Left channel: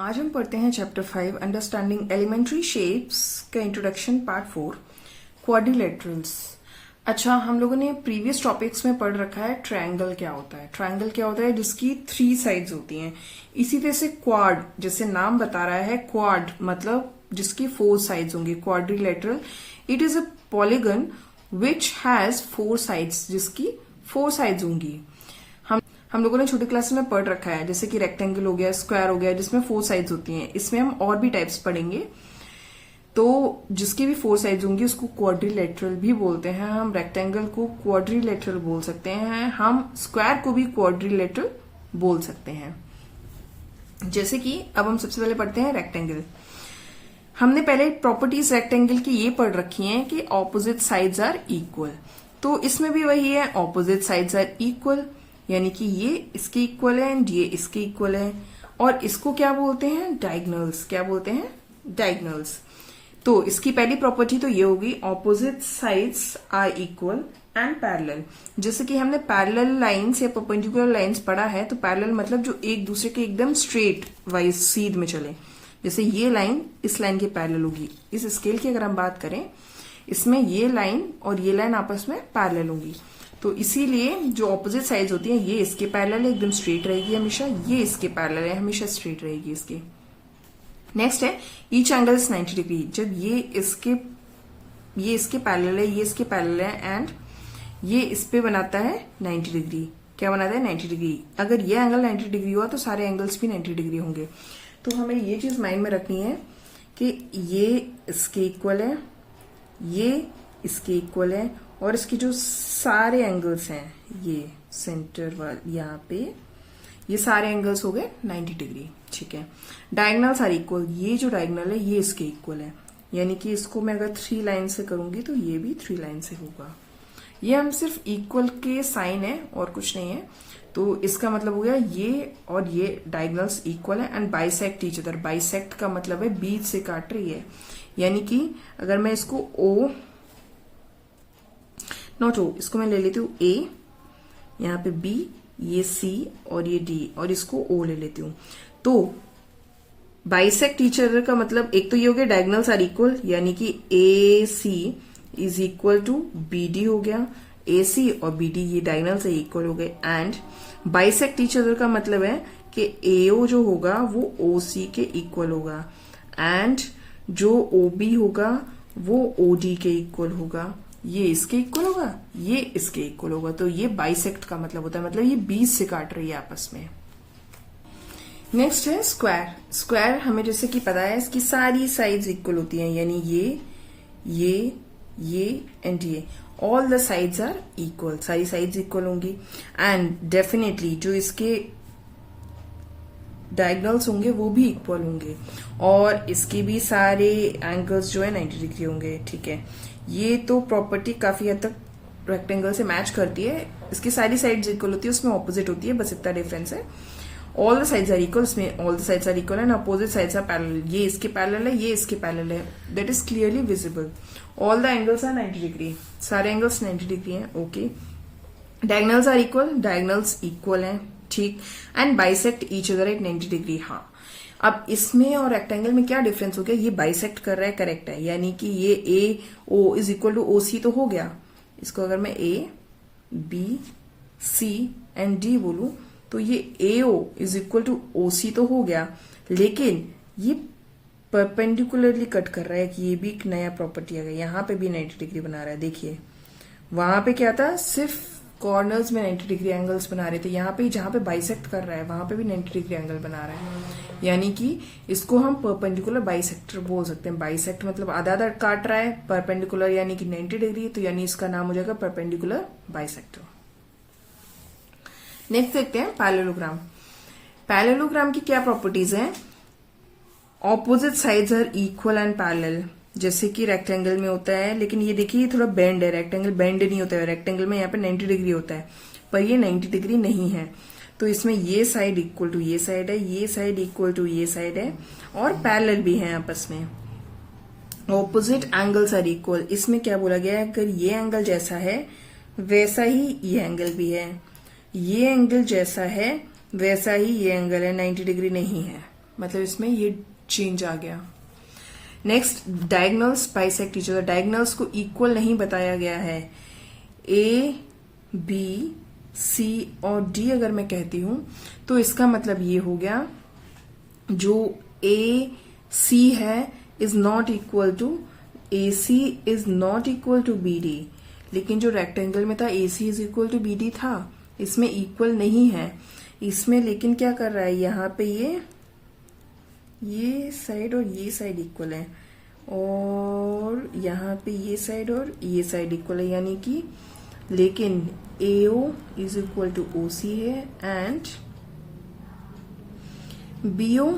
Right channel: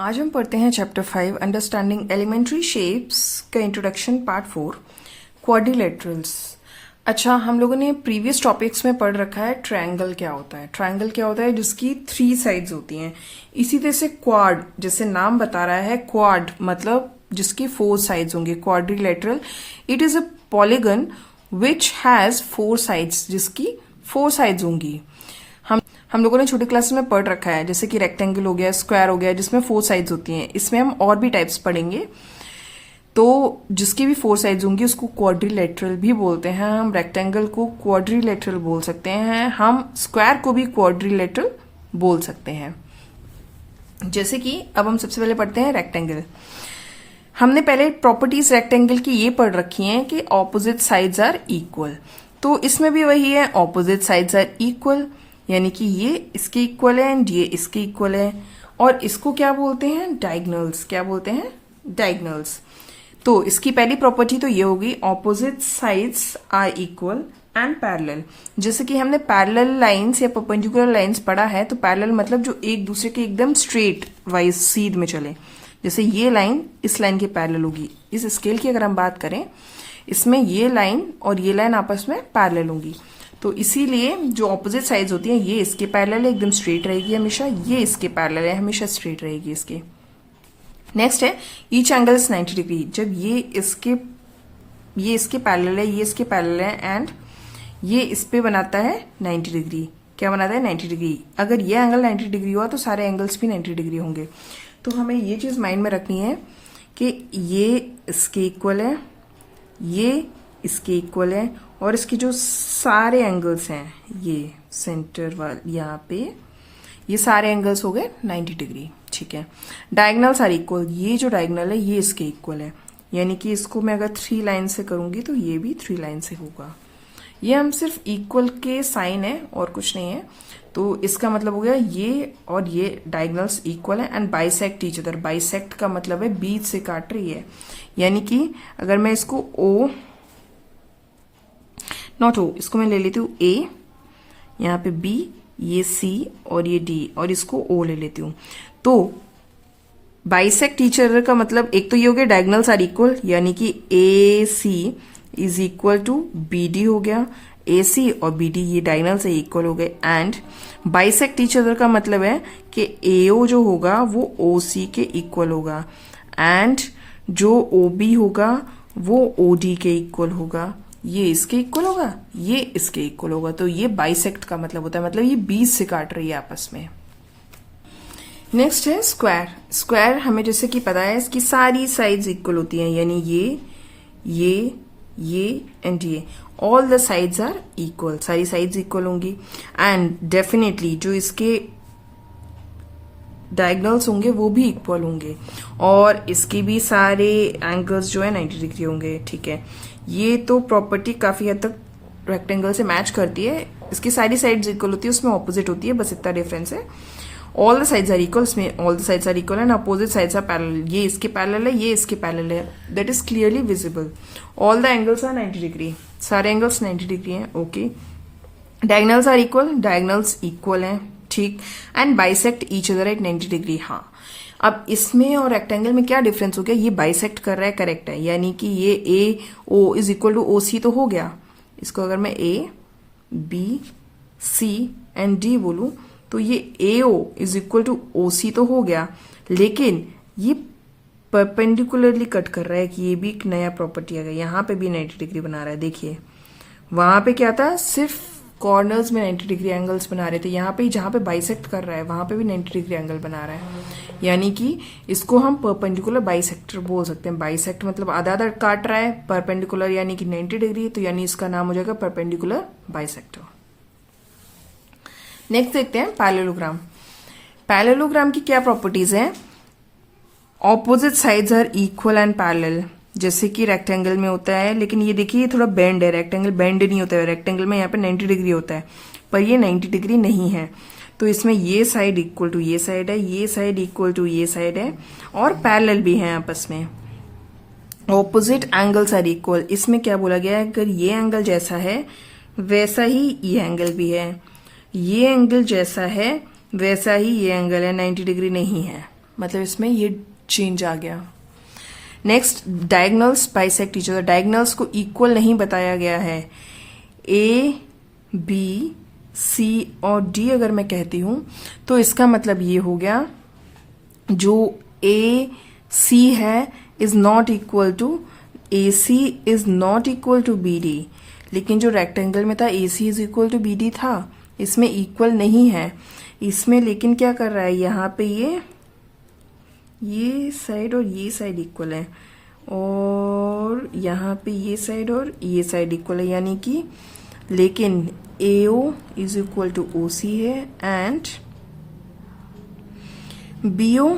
आज हम पढ़ते हैं चैप्टर 5 अंडरस्टैंडिंग एलिमेंट्री शेप्स का इंट्रोडक्शन पार्ट 4 क्वाड्रिलेटरल्स। अच्छा, हम लोगों ने प्रीवियस टॉपिक्स में पढ़ रखा है ट्रायंगल क्या होता है। ट्रायंगल क्या होता है? जिसकी 3 साइड्स होती हैं। इसी तरह से क्वाड, जैसे नाम बता रहा है, क्वाड मतलब जिसकी 4 साइड्स होंगे। Quadrilateral it is a polygon which has 4 sides, जिसकी 4 साइड्स होंगी। हम लोगों ने छोटी क्लास में पढ़ रखा है, जैसे कि रेक्टेंगल हो गया, स्क्वायर हो गया, जिसमें 4 साइड्स होती हैं। इसमें हम और भी टाइप्स पढ़ेंगे। तो जिसकी भी 4 साइड्स होंगी उसको क्वाड्रिलेटरल भी बोलते हैं। हम रेक्टेंगल को क्वाड्रिलेटरल बोल सकते हैं, हम स्क्वायर को भी क्वाड्रिलेटरल बोल सकते हैं। जैसे कि अब हम सबसे पहले पढ़ते हैं रेक्टेंगल। हमने पहले प्रॉपर्टीज रेक्टेंगल की ये पढ़ रखी हैं कि ऑपोजिट साइड्स आर इक्वल। तो इसमें भी वही है, ऑपोजिट साइड्स आर इक्वल, यानी कि ये इसके इक्वल है एंड ये इसके इक्वल है। और इसको क्या बोलते हैं? डायगोनल्स। क्या बोलते हैं? डायगोनल्स। तो इसकी पहली प्रॉपर्टी तो ये होगी, opposite sides are equal and parallel. जैसे कि हमने पैरेलल लाइंस या परपेंडिकुलर लाइंस पढ़ा है, तो पैरेलल मतलब जो एक दूसरे के एकदम स्ट्रेट वाइज सीध में चले। जैसे ये लाइन इस लाइन के पैरेलल होगी। इस स्केल की अगर हम बात करें, इसमें ये लाइन और ये लाइन आपस में पैरेलल होंगी। तो इसीलिए जो ऑपोजिट साइड्स होती हैं, ये इसके पैरेलल है, एकदम स्ट्रेट रहेगी हमेशा, ये इसके पैरेलल है, हमेशा स्ट्रेट रहेगी इसके। नेक्स्ट है ईच एंगल इज 90 डिग्री। जब ये इसके पैरेलल है, ये इसके पैरेलल है एंड ये इस पे बनाता है 90 डिग्री। क्या बनाता है? 90 डिग्री। अगर ये एंगल 90 डिग्री हुआ तो सारे एंगल्स भी 90 डिग्री होंगे। तो हमें ये चीज माइंड में रखनी है कि ये इसके इक्वल है, ये इसके इक्वल है, और इसके जो सारे एंगल्स हैं, ये सेंटर वाले यहाँ पे, ये सारे एंगल्स हो गए 90 डिग्री। ठीक है। Diagonals are equal. ये जो डायगोनल है ये इसके इक्वल है, यानी कि इसको मैं अगर 3 लाइन से करूंगी तो ये भी 3 लाइन से होगा। ये हम सिर्फ इक्वल के साइन है और कुछ नहीं है। तो इसका मतलब हो गया ये और ये डायगोनल्स इक्वल है and bisect each other. Bisect का मतलब है बीच से काट रही है, यानी कि अगर मैं इसको ओ, नॉट ओ, इसको मैं ले लेती हूँ ए, यहाँ पे बी, ये सी और ये डी, और इसको ओ ले लेती हूँ। तो बाइसेक्ट ईच अदर का मतलब एक तो ये हो गया डायगोनल्स आर इक्वल, यानी कि A C is equal to B D हो गया। ए सी और बी डी ये डायगोनल से इक्वल हो गए। एंड बाइसेक्ट ईच अदर का मतलब है कि एओ जो होगा वो ओ सी के इक्वल होगा एंड जो ओ बी होगा वो ओ डी के इक्वल होगा। ये इसके इक्वल होगा, ये इसके इक्वल होगा। तो ये बाइसेक्ट का मतलब होता है, मतलब ये बीच से काट रही है आपस में। नेक्स्ट है स्क्वायर। स्क्वायर हमें जैसे कि पता है इसकी सारी साइड्स इक्वल होती हैं, यानी ये एंड ये, all the sides are equal. सारी साइड्स इक्वल होंगी एंड डेफिनेटली जो इसके डायगोनल्स होंगे वो भी इक्वल होंगे, और इसके भी सारे एंगल्स जो है 90 डिग्री होंगे। ठीक है। ये तो प्रॉपर्टी काफी हद तक रेक्टेंगल से मैच करती है। इसकी सारी साइड्स इक्वल होती है, उसमें ऑपोजिट होती है, बस इतना डिफरेंस है। All the sides are equal, उसमें all the sides are equal and opposite sides are parallel. ये इसके पैरेलल है, ये इसके पैरेलल है, that is clearly visible. All the angles are 90 degree, सारे एंगल्स 90 डिग्री हैं। Okay. Diagonals are equal, diagonals equal हैं, ठीक, and bisect each other at 90 degree. हाँ, अब इसमें और रेक्टेंगल में क्या डिफरेंस हो गया? ये बाइसेक्ट कर रहा है, करेक्ट है, यानी कि ये A O is equal to O C तो हो गया। इसको अगर मैं A B C and D बोलूं तो ये A O is equal to O C तो हो गया, लेकिन ये परपेंडिकुलरली कट कर रहा है कि ये भी एक नया प्रॉपर्टी आ गया। यहाँ पे भी 90 डिग्री बना रहा है। देखिए, वहां पे क्या था, सिर्फ कॉर्नर्स में 90 डिग्री एंगल्स बना रहे थे। यहाँ पे जहां पे बाइसेक्ट कर रहा है वहां पे भी 90 डिग्री एंगल बना रहा है, यानी कि इसको हम परपेंडिकुलर बाइसेक्टर बोल सकते हैं। बाइसेक्ट मतलब आधा आधा काट रहा है, परपेंडिकुलर यानी कि 90 डिग्री, तो यानी इसका नाम हो जाएगा परपेंडिकुलर बाइसेक्टर। नेक्स्ट देखते हैं पैरेललोग्राम। पैरेललोग्राम की क्या प्रॉपर्टीज हैं? Opposite sides are equal and parallel, जैसे कि रेक्टेंगल में होता है, लेकिन ये देखिए थोड़ा बेंड है, रेक्टेंगल बेंड नहीं होता है। रेक्टेंगल में यहाँ पे 90 डिग्री होता है, पर ये 90 डिग्री नहीं है। तो इसमें ये साइड इक्वल टू ये साइड है, ये साइड इक्वल टू ये साइड है, और पैरेलल भी है आपस में। ऑपोजिट एंगल्स आर इक्वल, इसमें क्या बोला गया है? अगर ये एंगल जैसा है वैसा ही ये एंगल भी है, ये एंगल जैसा है वैसा ही ये एंगल है, 90 डिग्री नहीं है। मतलब इसमें ये चेंज आ गया। Next, diagonals bisect each other. Diagonals को इक्वल नहीं बताया गया है। ए, बी, सी और डी अगर मैं कहती हूं तो इसका मतलब ये हो गया, जो ए सी है is not equal to A C is not equal to B D. लेकिन जो रेक्टेंगल में था A C is equal to B D था, इसमें इक्वल नहीं है। इसमें लेकिन क्या कर रहा है, यहाँ पे ये साइड और ये साइड इक्वल है, और यहाँ पे ये साइड और ये साइड इक्वल है, यानी कि लेकिन AO is equal to OC है and BO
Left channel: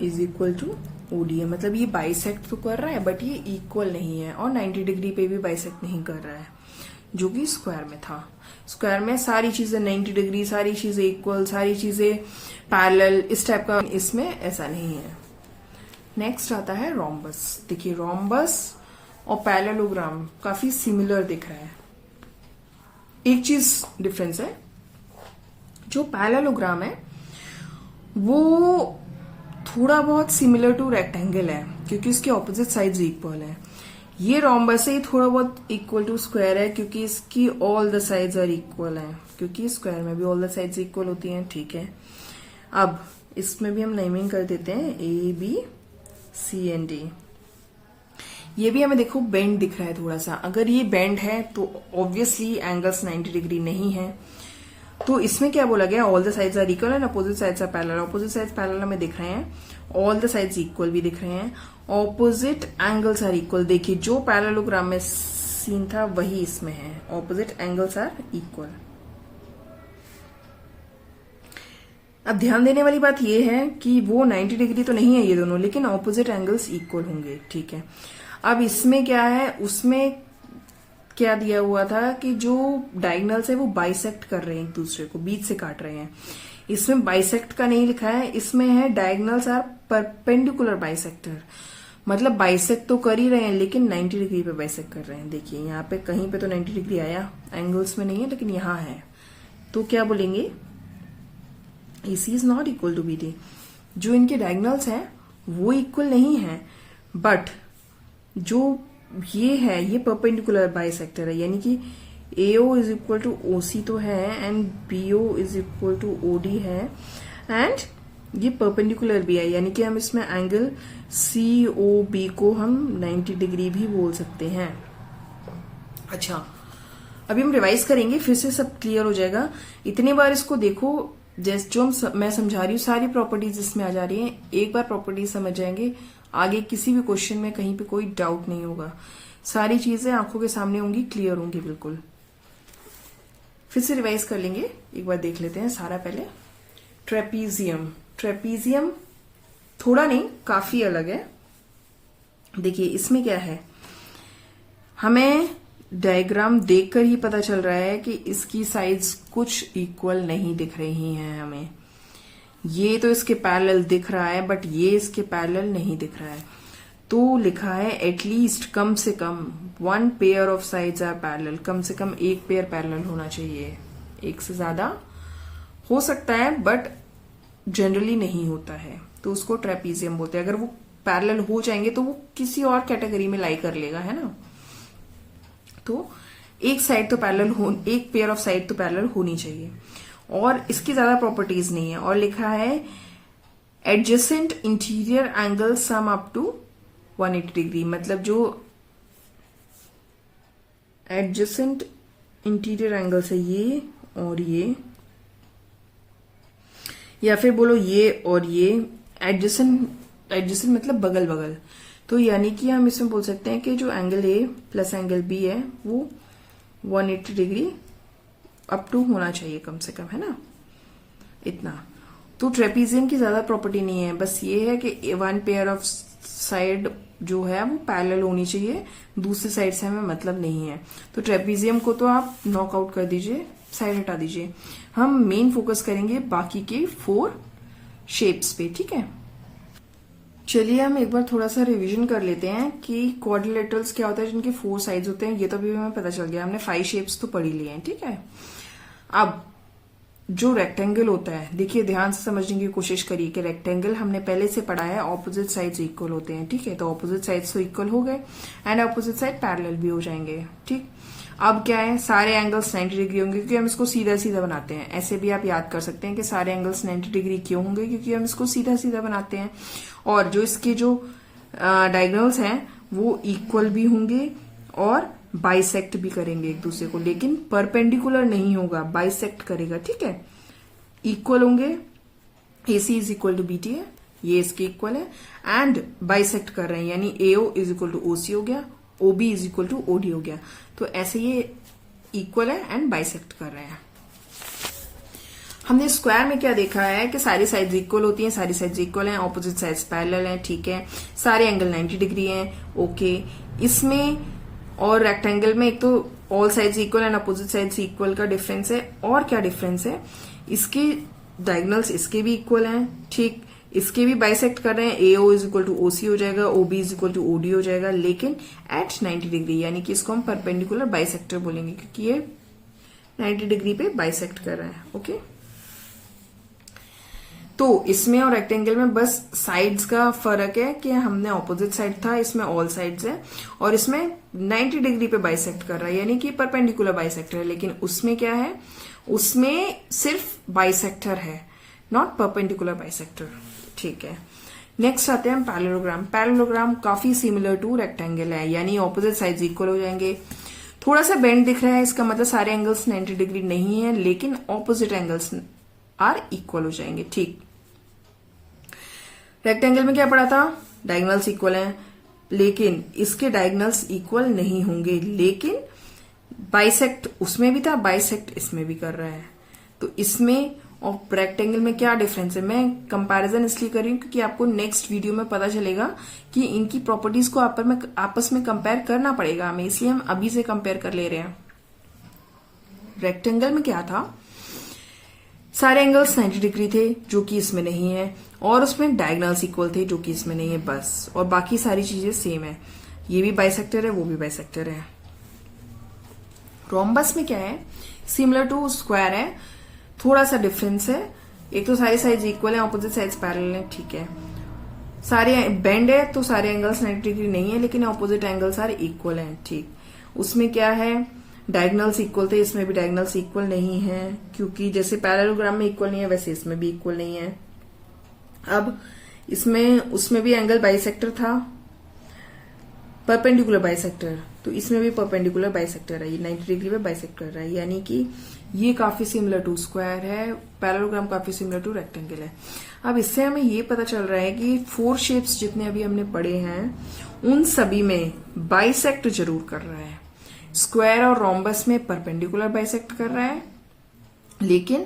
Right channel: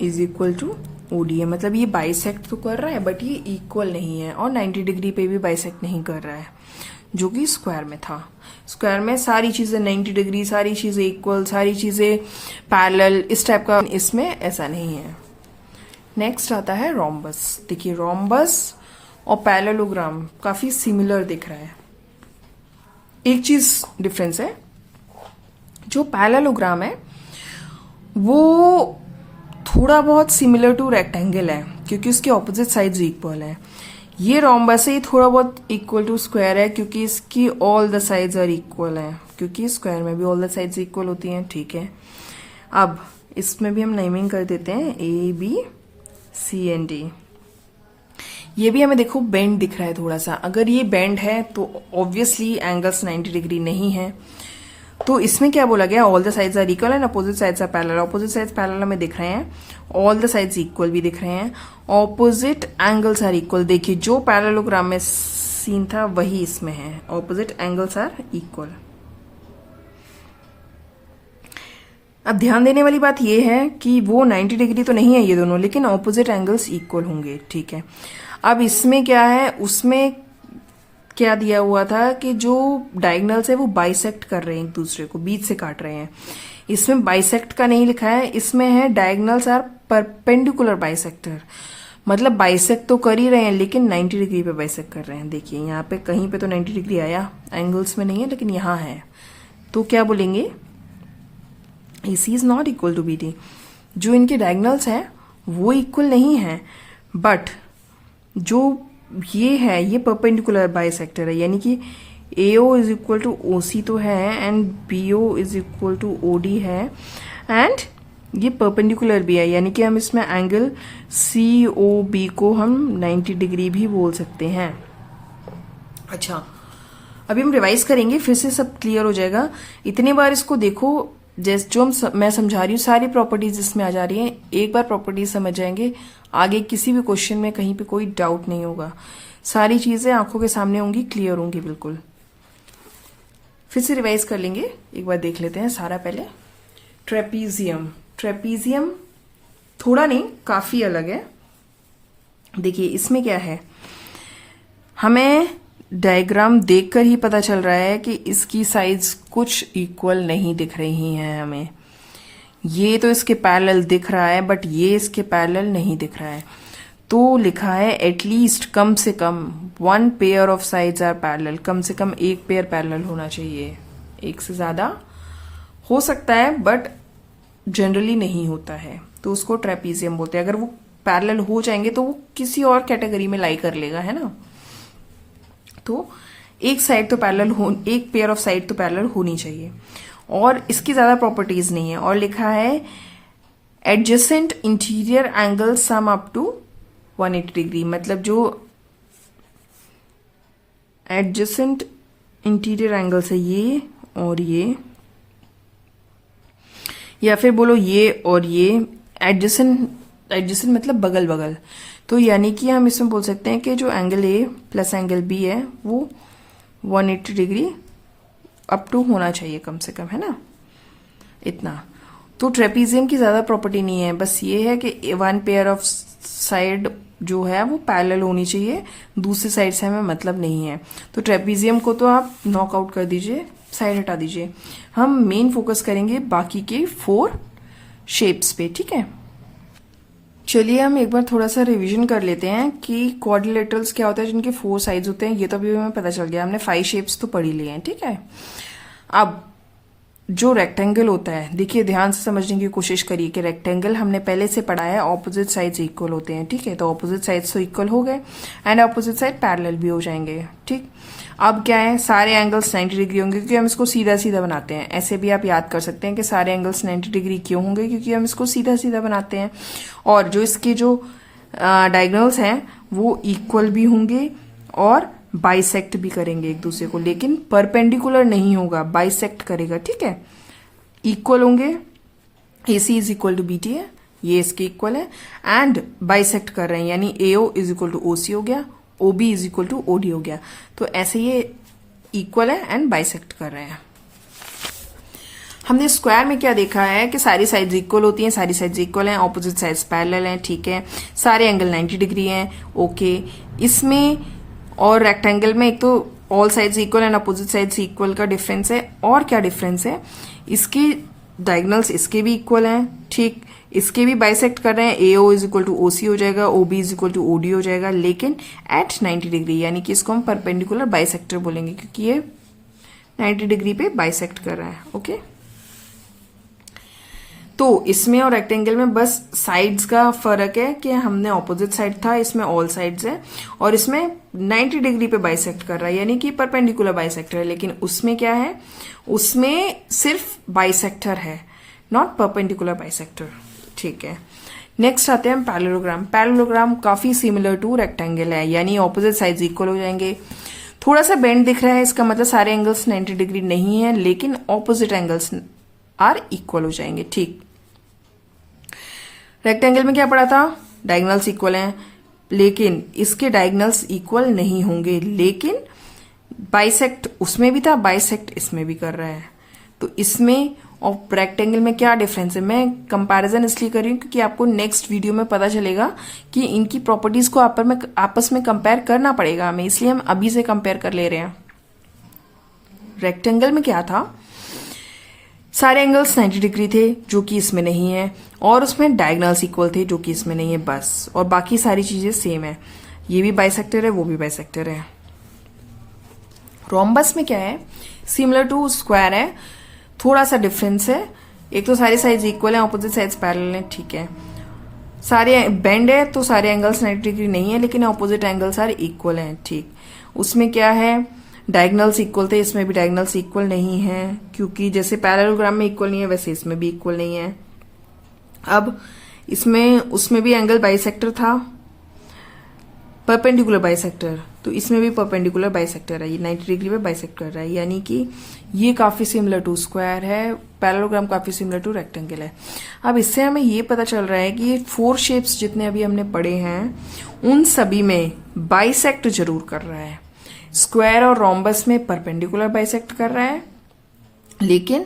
is equal to OD है। मतलब ये बाइसेक्ट तो कर रहा है बट ये इक्वल नहीं है, और 90 डिग्री पे भी बाइसेक्ट नहीं कर रहा है, जो कि स्क्वायर में था। स्क्वायर में सारी चीजें 90 डिग्री, सारी चीजें इक्वल, सारी चीजें पैरेलल, इस टाइप का। इसमें ऐसा नहीं है। नेक्स्ट आता है रोम्बस। देखिए, रोम्बस और पैरेललोग्राम काफी सिमिलर दिख रहा है। एक चीज डिफरेंस है, जो पैरेललोग्राम है वो थोड़ा बहुत सिमिलर टू रेक्टेंगल है क्योंकि उसके ऑपोजिट साइड्स इक्वल है। ये रोम्बस है, थोड़ा बहुत इक्वल टू स्क्वायर है क्योंकि इसकी all the sides are equal है, क्योंकि स्क्वायर में भी ऑल द साइड्स इक्वल होती हैं। ठीक है, अब इसमें भी हम नेमिंग कर देते हैं A, B, C and D। ये भी हमें देखो बेंड दिख रहा है थोड़ा सा। अगर ये बेंड है तो ऑब्वियसली एंगल्स 90 डिग्री नहीं है। तो इसमें क्या बोला गया, all the sides are equal and opposite sides are parallel. Opposite sides parallel हमें दिख रहे हैं, ऑल द साइड्स इक्वल भी दिख रहे हैं, ऑपोजिट एंगल्स आर इक्वल। देखिए, जो पैरेललोग्राम में सीन था वही इसमें है, ऑपोजिट एंगल्स आर इक्वल। अब ध्यान देने वाली बात यह है कि वो 90 डिग्री तो नहीं है ये दोनों, लेकिन ऑपोजिट एंगल्स इक्वल होंगे। ठीक है, अब इसमें क्या है, उसमें क्या दिया हुआ था कि जो डायगोनल्स है वो बाइसेक्ट कर रहे हैं, एक दूसरे को बीच से काट रहे हैं। इसमें बाइसेक्ट का नहीं लिखा है, इसमें है डायगोनल्स आर परपेंडिकुलर बाइसेक्टर। मतलब बाइसेक्ट तो कर ही रहे हैं लेकिन 90 डिग्री पे बाइसेक्ट कर रहे हैं। देखिए, यहाँ पे कहीं पे तो 90 डिग्री आया, एंगल्स में नहीं है, लेकिन यहाँ है। तो क्या बोलेंगे, AC is not equal to BD। जो इनके डायगोनल्स हैं वो इक्वल नहीं है, बट जो ये है ये परपेंडिकुलर बाइसेक्टर है, यानी कि AO is equal to OC तो है and BO is equal to OD है, एंड ये परपेंडिकुलर भी है, यानी कि हम इसमें एंगल COB को हम 90 डिग्री भी बोल सकते हैं। अच्छा, अभी हम रिवाइज करेंगे, फिर से सब क्लियर हो जाएगा। इतने बार इसको देखो, जैसे जो मैं समझा रही हूँ सारी प्रॉपर्टीज इसमें आ जा रही हैं। एक बार प्रॉपर्टीज समझ जाएंगे, आगे किसी भी क्वेश्चन में कहीं पे कोई डाउट नहीं होगा। सारी चीजें आंखों के सामने होंगी, क्लियर होंगी बिल्कुल। फिर से रिवाइज कर लेंगे, एक बार देख लेते हैं सारा। पहले ट्रेपीजियम। ट्रेपीजियम थोड़ा नहीं, काफी अलग है। देखिए, इसमें क्या है, हमें डायग्राम देखकर ही पता चल रहा है कि इसकी साइड्स कुछ इक्वल नहीं दिख रही हैं हमें। ये तो इसके पैरेलल दिख रहा है बट ये इसके पैरेलल नहीं दिख रहा है। तो लिखा है एटलीस्ट, कम से कम 1 pair of sides are parallel. कम से कम एक पेयर पैरेलल होना चाहिए। एक से ज्यादा हो सकता है बट जनरली नहीं होता है, तो उसको ट्रेपीजियम बोलते हैं। अगर वो पैरेलल हो जाएंगे तो वो किसी और कैटेगरी में लाई कर लेगा, है ना। तो एक साइड तो पैरेलल हो, एक पेयर ऑफ साइड तो पैरेलल होनी चाहिए, और इसकी ज्यादा प्रॉपर्टीज नहीं है। और लिखा है adjacent interior angle sum up to 180 degree. मतलब जो एडजेसेंट इंटीरियर एंगल्स है ये और ये, या फिर बोलो ये और ये। एडजेसेंट मतलब बगल बगल। तो यानी कि हम इसमें बोल सकते हैं कि जो angle A plus angle B है वो 180 डिग्री अप टू होना चाहिए कम से कम, है ना, इतना। तो ट्रेपीजियम की ज्यादा प्रॉपर्टी नहीं है, बस ये है कि 1 पेयर ऑफ साइड जो है वो पैरेलल होनी चाहिए, दूसरी साइड से हमें मतलब नहीं है। तो ट्रेपीजियम को तो आप नॉकआउट कर दीजिए, साइड हटा दीजिए। हम मेन फोकस करेंगे बाकी के 4 शेप्स पे, ठीक है। चलिए हम एक बार थोड़ा सा रिवीजन कर लेते हैं कि क्वाड्रिलेटरल्स क्या होता है, जिनके 4 साइड्स होते हैं। ये तो अभी हमें पता चल गया, हमने 5 शेप्स तो पढ़ ही लिए हैं, ठीक है। अब जो रेक्टेंगल होता है, देखिए ध्यान से समझने की कोशिश करिए कि रेक्टेंगल हमने पहले से पढ़ा है ऑपोजिट साइड्स इक्वल होते हैं, ठीक है। तो ऑपोजिट साइड्स तो इक्वल हो गए एंड ऑपोजिट साइड पैरेलल भी हो जाएंगे, ठीक। अब क्या है, सारे एंगल्स 90 डिग्री होंगे क्योंकि हम इसको सीधा सीधा बनाते हैं। ऐसे भी आप याद कर सकते हैं कि सारे एंगल्स 90 डिग्री क्यों होंगे, क्योंकि हम इसको सीधा सीधा बनाते हैं। और जो इसके जो डायगोनल्स हैं वो इक्वल भी होंगे और बाइसेक्ट भी करेंगे एक दूसरे को, लेकिन परपेंडिकुलर नहीं होगा, बाइसेक्ट करेगा, ठीक है। इक्वल होंगे, AC is equal to BT है, ये इसके इक्वल है, एंड बाइसेक्ट कर रहे हैं यानी AO is equal to OC हो गया, OB is equal to OD हो गया। तो ऐसे ये इक्वल है एंड बाइसेक्ट कर रहे हैं। हमने स्क्वायर में क्या देखा है कि सारी साइड्स इक्वल होती हैं, सारी साइड्स इक्वल हैं, ऑपोजिट साइड्स पैरेलल हैं, ठीक है। सारे एंगल 90 डिग्री हैं, ओके। इसमें और रेक्टेंगल में एक तो all sides equal and opposite sides equal का डिफरेंस है। और क्या डिफरेंस है, इसके डायगोनल्स इसके भी इक्वल हैं, ठीक। इसके भी बाइसेक्ट कर रहे हैं, AO is equal to OC हो जाएगा, OB is equal to OD हो जाएगा, लेकिन एट 90 डिग्री, यानी कि इसको हम परपेंडिकुलर बाइसेक्टर बोलेंगे क्योंकि ये 90 डिग्री पे बाइसेक्ट कर रहा है, ओके। तो इसमें और रेक्टेंगल में बस साइड्स का फर्क है कि हमने ऑपोजिट साइड था, इसमें ऑल साइड्स है, और इसमें 90 डिग्री पे बाइसेक्ट कर रहा है यानी कि परपेंडिकुलर बाइसेक्टर है। लेकिन उसमें क्या है, उसमें सिर्फ बाइसेक्टर है, नॉट परपेंडिकुलर बाइसेक्टर, ठीक है। नेक्स्ट आते हैं हम पैरेललोग्राम। पैरेललोग्राम काफी सिमिलर टू रेक्टेंगल है, यानी ऑपोजिट साइड्स इक्वल हो जाएंगे। थोड़ा सा बेंड दिख रहा है, इसका मतलब सारे एंगल्स 90 डिग्री नहीं है, लेकिन ऑपोजिट एंगल्स आर इक्वल हो जाएंगे, ठीक। रेक्टेंगल में क्या पढ़ा था, डायगोनल्स इक्वल हैं, लेकिन इसके डायगोनल्स इक्वल नहीं होंगे, लेकिन बाइसेक्ट उसमें भी था, बाइसेक्ट इसमें भी कर रहा है। तो इसमें और रेक्टेंगल में क्या डिफरेंस है, मैं कंपैरिजन इसलिए कर रही हूं क्योंकि आपको नेक्स्ट वीडियो में पता चलेगा कि इनकी प्रॉपर्टीज को आपस में कंपेयर करना पड़ेगा हमें, इसलिए हम अभी से कंपेयर कर ले रहे हैं। रेक्टेंगल में क्या था, सारे एंगल्स 90 डिग्री थे जो कि इसमें नहीं है, और उसमें डायगोनल्स इक्वल थे जो कि इसमें नहीं है, बस। और बाकी सारी चीजें सेम है, ये भी बाइसेक्टर है, वो भी बाइसेक्टर है। रोम्बस में क्या है, सिमिलर टू स्क्वायर है, थोड़ा सा डिफरेंस है। एक तो सारी साइड्स इक्वल है, ऑपोजिट साइड्स पैरेलल है, ठीक है। सारे बेंड है तो सारे एंगल्स 90 डिग्री नहीं है, लेकिन ऑपोजिट एंगल्स सारे इक्वल हैं, ठीक। उसमें क्या है, डायगोनल्स इक्वल थे, इसमें भी डायगोनल्स इक्वल नहीं है, क्योंकि जैसे पैरेललोग्राम में इक्वल नहीं है वैसे इसमें भी इक्वल नहीं है। अब इसमें उसमें भी एंगल बाइसेक्टर था, परपेंडिकुलर बाइसेक्टर, तो इसमें भी परपेंडिकुलर बाइसेक्टर है, ये 90 डिग्री पे बाइसेक्ट कर रहा है, यानी कि ये काफी सिमिलर टू स्क्वायर है, पैरेललोग्राम काफी सिमिलर टू रेक्टेंगल है। अब इससे हमें ये पता चल रहा है कि ये 4 शेप्स जितने अभी हमने पढ़े हैं उन सभी में बाइसेक्ट जरूर कर रहा है। स्क्वायर और रोम्बस में परपेंडिकुलर बाइसेक्ट कर रहा है, लेकिन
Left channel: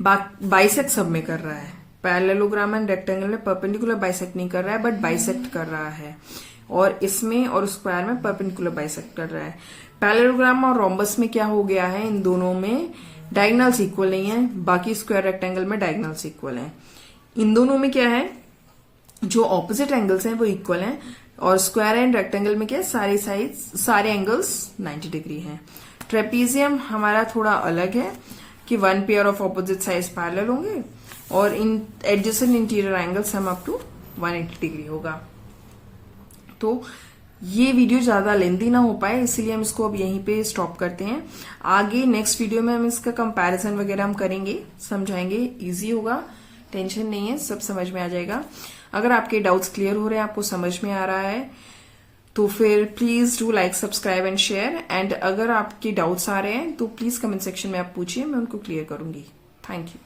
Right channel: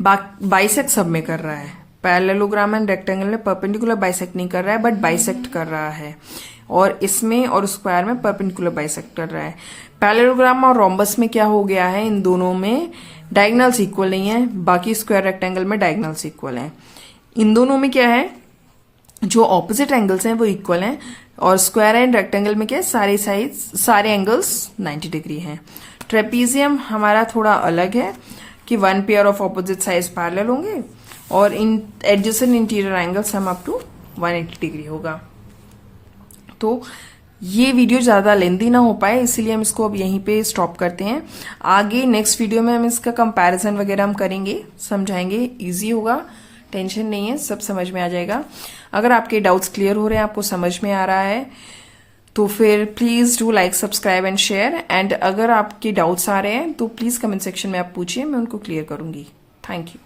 बाइसेक्ट सब में कर रहा है। पैरेललोग्राम एंड रेक्टेंगल में परपेंडिकुलर बाइसेक्ट नहीं कर रहा है, बट बाइसेक्ट कर रहा है, और इसमें और स्क्वायर में परपेंडिकुलर बाइसेक्ट कर रहा है। पैरेललोग्राम और रोम्बस में क्या हो गया है, इन दोनों में डायगोनल्स इक्वल नहीं है, बाकी स्क्वायर रेक्टेंगल में डायगोनल्स इक्वल हैं। इन दोनों में क्या है, जो ऑपोजिट एंगल्स हैं वो इक्वल हैं, और स्क्वायर एंड रेक्टेंगल में क्या है, सारे एंगल्स 90 डिग्री हैं। ट्रेपीजियम हमारा थोड़ा अलग है कि 1 pair of opposite sides parallel होंगे, और इन adjacent interior angles sum up to 180 degree होगा। तो ये वीडियो ज्यादा लेंदी ना हो पाए, इसलिए हम इसको अब यहीं पे स्टॉप करते हैं। आगे नेक्स्ट वीडियो में हम इसका कंपैरिजन वगैरह हम करेंगे, समझाएंगे, इजी होगा, टेंशन नहीं है, सब समझ में आ जाएगा। अगर आपके डाउट्स क्लियर हो रहे हैं, आपको समझ में आ रहा है, तो फिर please do like, subscribe and share. And अगर आपके डाउट्स आ रहे हैं तो प्लीज कमेंट सेक्शन में आप पूछिए, मैं उनको क्लियर करूंगी। Thank you.